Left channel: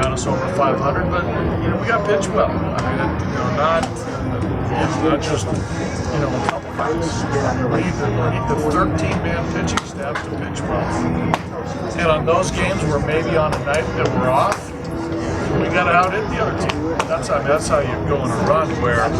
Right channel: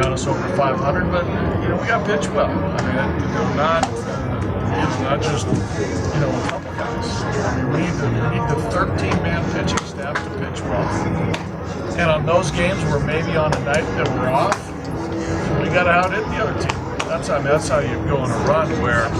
got us over 500, but we got to pitch well. I mean, not just a couple guys. I mean, we need the 13-man pitching staff to pitch well. And on those games where maybe on a night that we're off, we got to out hit the other team. That's how you go on a run where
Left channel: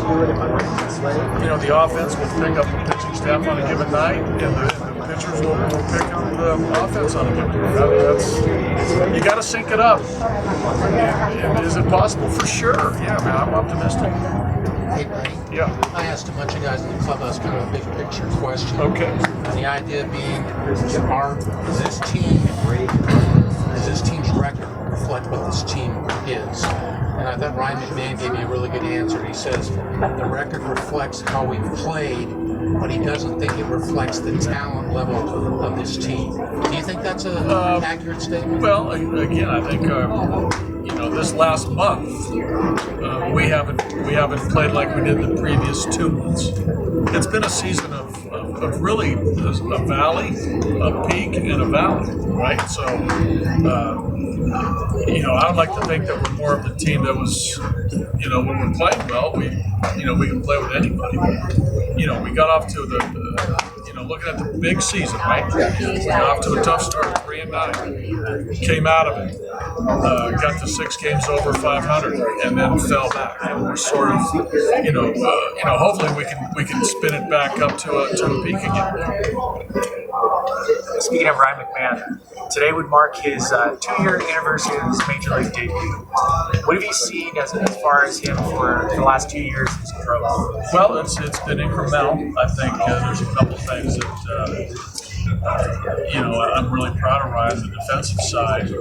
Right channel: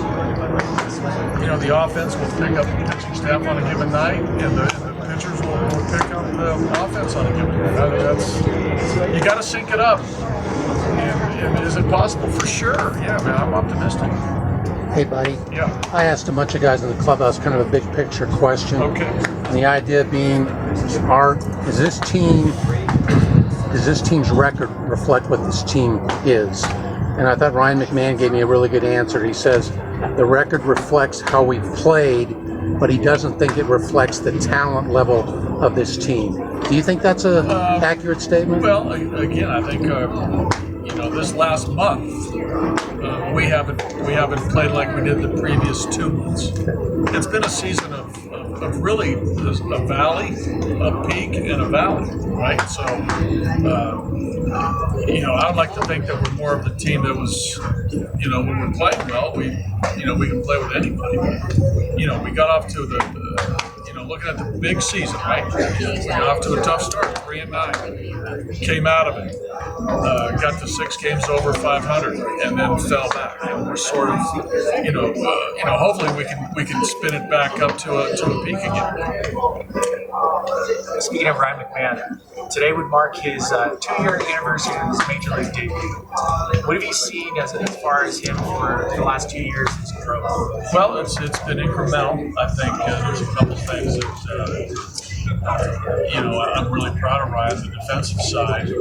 the offense will pick up the pitching staff on a given night, and the pitchers will pick up the offense on a given night. You got to sync it up. And is it possible? For sure. Yeah, man, I'm optimistic. Hey, buddy. Yeah. I asked a bunch of guys in the clubhouse kind of a big picture question. Okay. And the idea being, is this team's record reflect what this team is? And I thought Ryan McMahon gave me a really good answer. He says the record reflects how we played, but he doesn't think it reflects the talent level of this team. Do you think that's an accurate statement? Well, again, I think this last month we haven't played like we did the previous 2 months. It's been a season of really a valley, a peak, and a valley, right? So. I'd like to think that we're more of the team that was, when we're playing well, we can play with anybody. We got off to looking at the big season, right? We got off to a tough start, 3-9. Came out of it, got to 6 games over 500, and then fell back. And we're sort of, hopefully we can spin it back up to a peak again. Speaking of Ryan McMahon, today would mark his 2-year anniversary of his Major League debut. What have you seen as far as him for the last 2 years in his growth? Well, it's been incremental. I think there's a couple things that I'm really proud of Ryan. The defensive side, a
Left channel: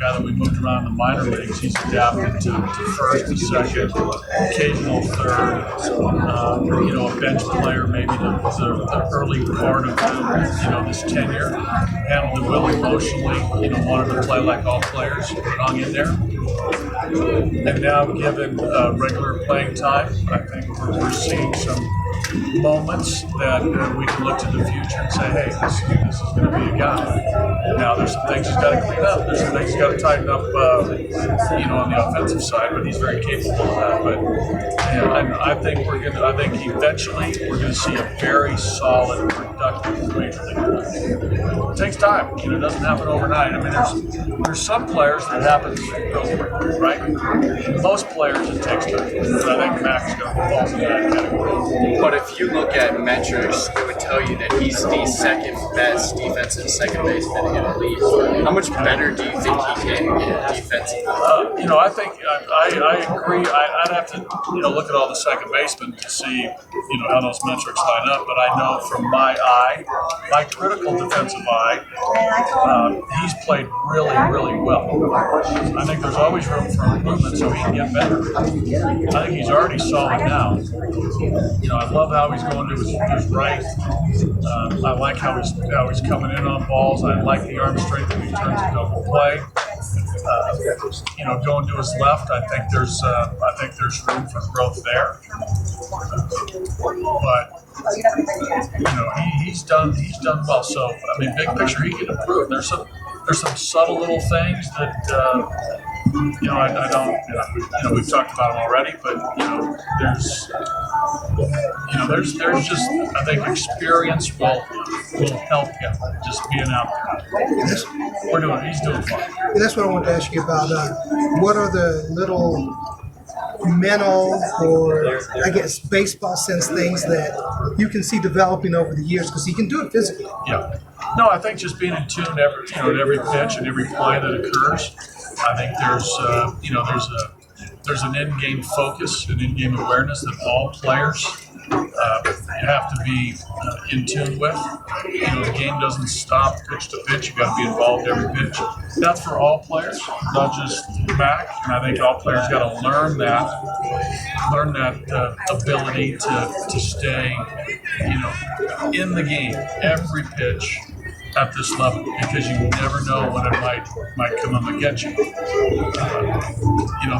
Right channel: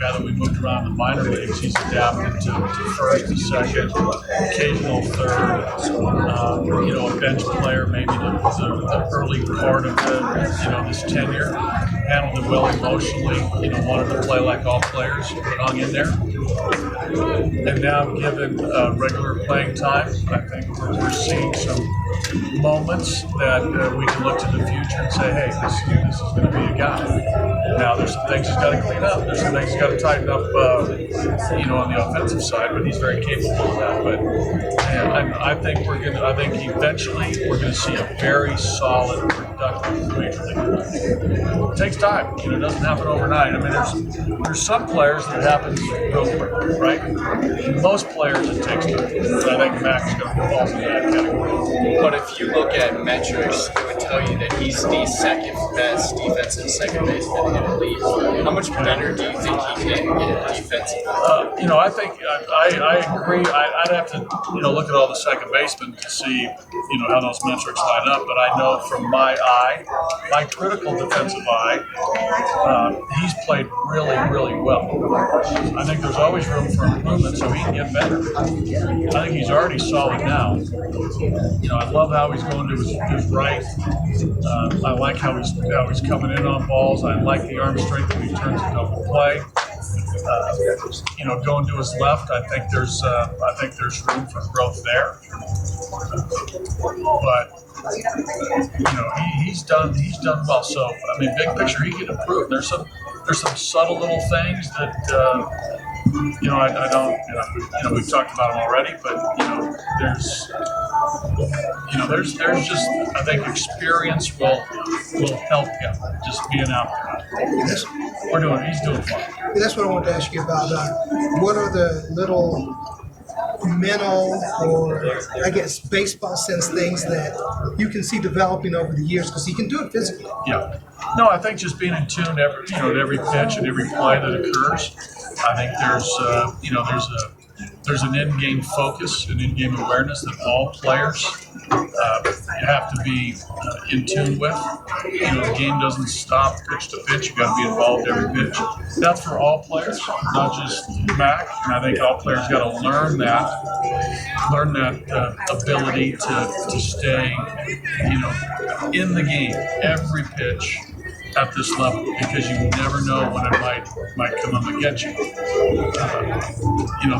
guy that we moved around the minor leagues. He's adapted to first, to second, occasional third. A bench player, maybe the early part of this tenure. Handled it well emotionally. Wanted to play like all players. Hung in there. And now, given regular playing time, I think we're seeing some moments that we can look to the future and say, hey, this is going to be a guy. Now, there's some things he's got to clean up. There's some things he's got to tighten up, on the offensive side, but he's very capable of that. But I think eventually we're going to see a very solid, productive Major League player. It takes time. It doesn't happen overnight. I mean, there's some players that happens real quick, right? Most players it takes time. But I think Mac's going to fall into that category. But if you look at metrics, it would tell you that he's the second best defensive second baseman in the league. How much better do you think he can get defensively? I think I agree. I'd have to look at all the second basemen to see how those metrics line up. But I know from my critical defensive eye, he's played really, really well. I think there's always room for improvement, so he can get better. I think he's already solid now. I love how he's going to his right. I like how he's coming in on balls. I like the arm strength when he turns a double play. Going to his left, I think there's room for growth there. But he's done well. So I mean, big picture, he can improve. There's some subtle little things that I don't. We've talked about them already, but there's just, I think, experience will help him just being out there. He's doing fine. And that's what I wanted to ask you about. What are the little mental or, I guess, baseball sense things that you can see developing over the years? Because he can do it physically. Yeah. No, I think just being in tune at every pitch and every play that occurs. I think there's an in-game focus, an in-game awareness that all players have to be in tune with. The game doesn't stop pitch to pitch. You got to be involved every pitch. That's for all players, not just Mac. And I think all players got to learn that ability to stay, in the game every pitch at this level, because you never know when it might come up and get you.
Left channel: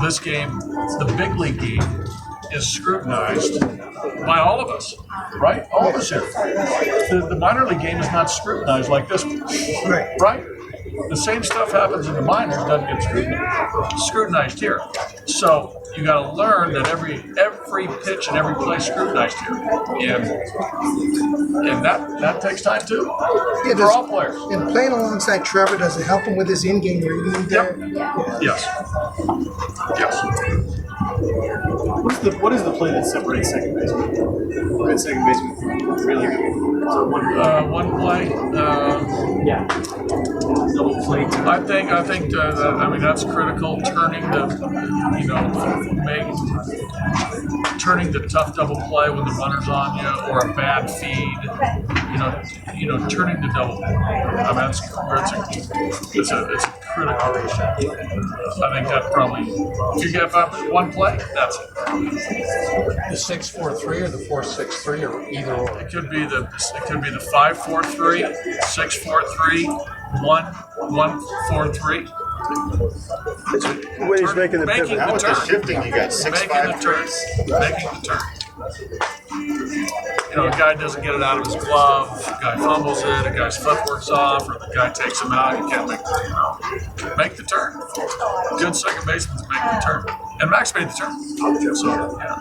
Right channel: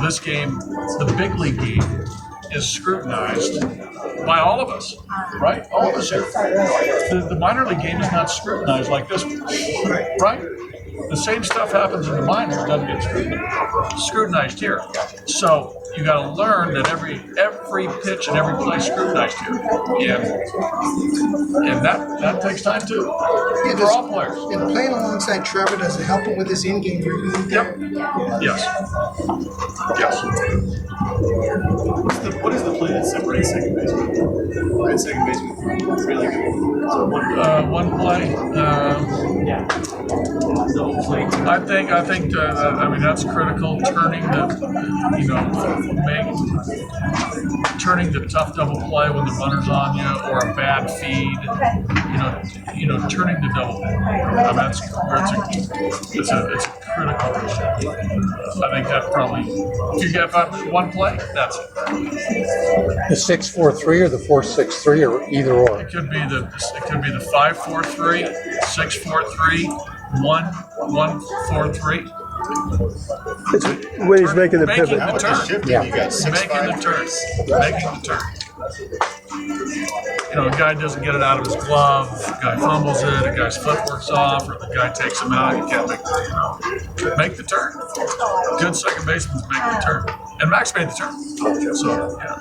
This game, the big league game, is scrutinized by all of us, right? All of us here. The minor league game is not scrutinized like this one, right? the same stuff happens in the minors, doesn't get scrutinized here. So you got to learn that every pitch and every play is scrutinized here, and that takes time too Yeah, for all players. And playing alongside Trevor, does it help him with his in-game reading there? Yes. Yes. What is the play that separates second baseman? And second baseman from really good. So One play. double play. I think. I mean, that's critical. Turning the tough double play when the runner's on you, or a bad feed. Turning the double. I mean, it's a critical. I think that probably. If you get one play, that's it. The 6-4-3 or the 4-6-3 or either or. It could be the 5-4-3, 6-4-3, 1-1-4-3. When he's making the pivot. Making the turn. Yeah. Making the turn. Making the turn. A guy doesn't get it out of his glove, a guy fumbles it, a guy's footwork's off, or the guy takes him out, you can't make the turn. Good second basemen make the turn. And Max made the turn. So, yeah.